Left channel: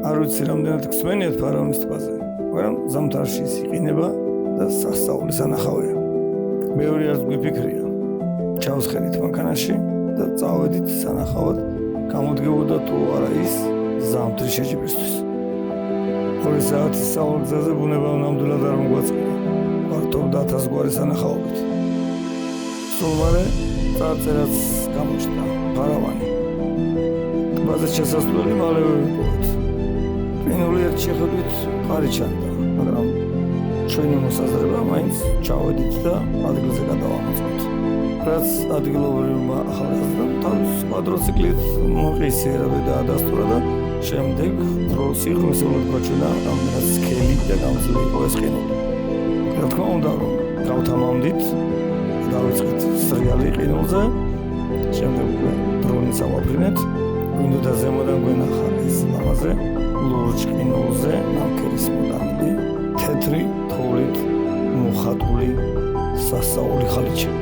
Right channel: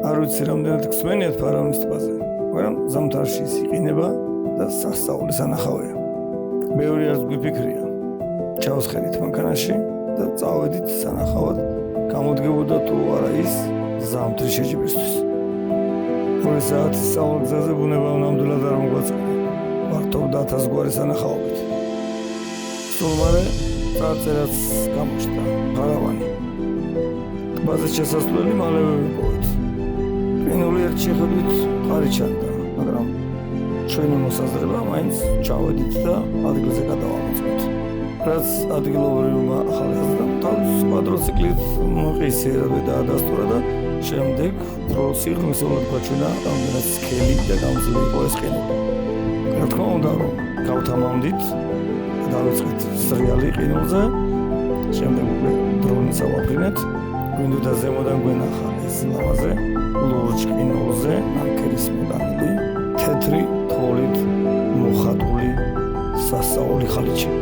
არ ვიცი რამდენად გსმენიათ ფარავნის ტბაზე, მაგრამ ზამთარში ის იყინება და სასწაულის ანახავია. ბევრი არც გვიფიქრია. ჩავსხედით მანქანაში და წავედით სანახავად გამოდგებოდა თუ არა ის ზამთრის შეჯიბრისთვის. 2 საათის სწავლგზაზე ბუნება ნამდვილად არ მოგვაწყინა. გვართობდა 1000 გვარი სანახაობით. სულ მალე წარწერაც გამოჩნდა ფარავანი. ტბაზე შესასვლელი მალევე ვიპოვეთ. ყინული ერთ შეხედვით მყარი ჩანდა, მაგრამ ჩვენი მოსაზრება მაინც ჩავედით და ადგილზე გადავამოწმოთ. რაც ადგილობრივმა ახალგაზრდამ თავის კვადროციკლით მოყისერა და ადასტურა და შემდეგ უფრო სიღრმისეულად გვაჩვენა რამდენად სქელი და გამძლე იყო ეს ყინული. რა თქმა უნდა, რომ გავთამამდით და დავიწყეთ სრიალი ყინულზე, შემდეგ უკვე დრონით ავაფრინეთ, გვინდოდა ზემოდან გვენახა ეს ლამაზე, ლურჯ ყინულზე ნამქერის მოდანილი, თეთრი თოვლით მოხატული სასწაული ხალიჩა.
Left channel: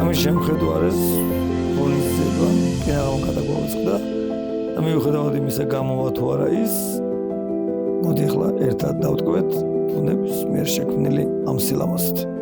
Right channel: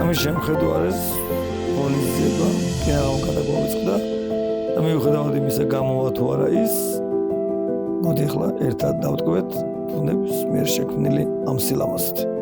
ამის შემხედვარეს ღონისძიება კინაღამ გადაგვავიწყდა და მიუხედავად იმისა გამოვა თუ არა ის, მოდი ახლა ერთად დავტკბეთ ბუნების მიერ შექმნილი ამ სილამაზით.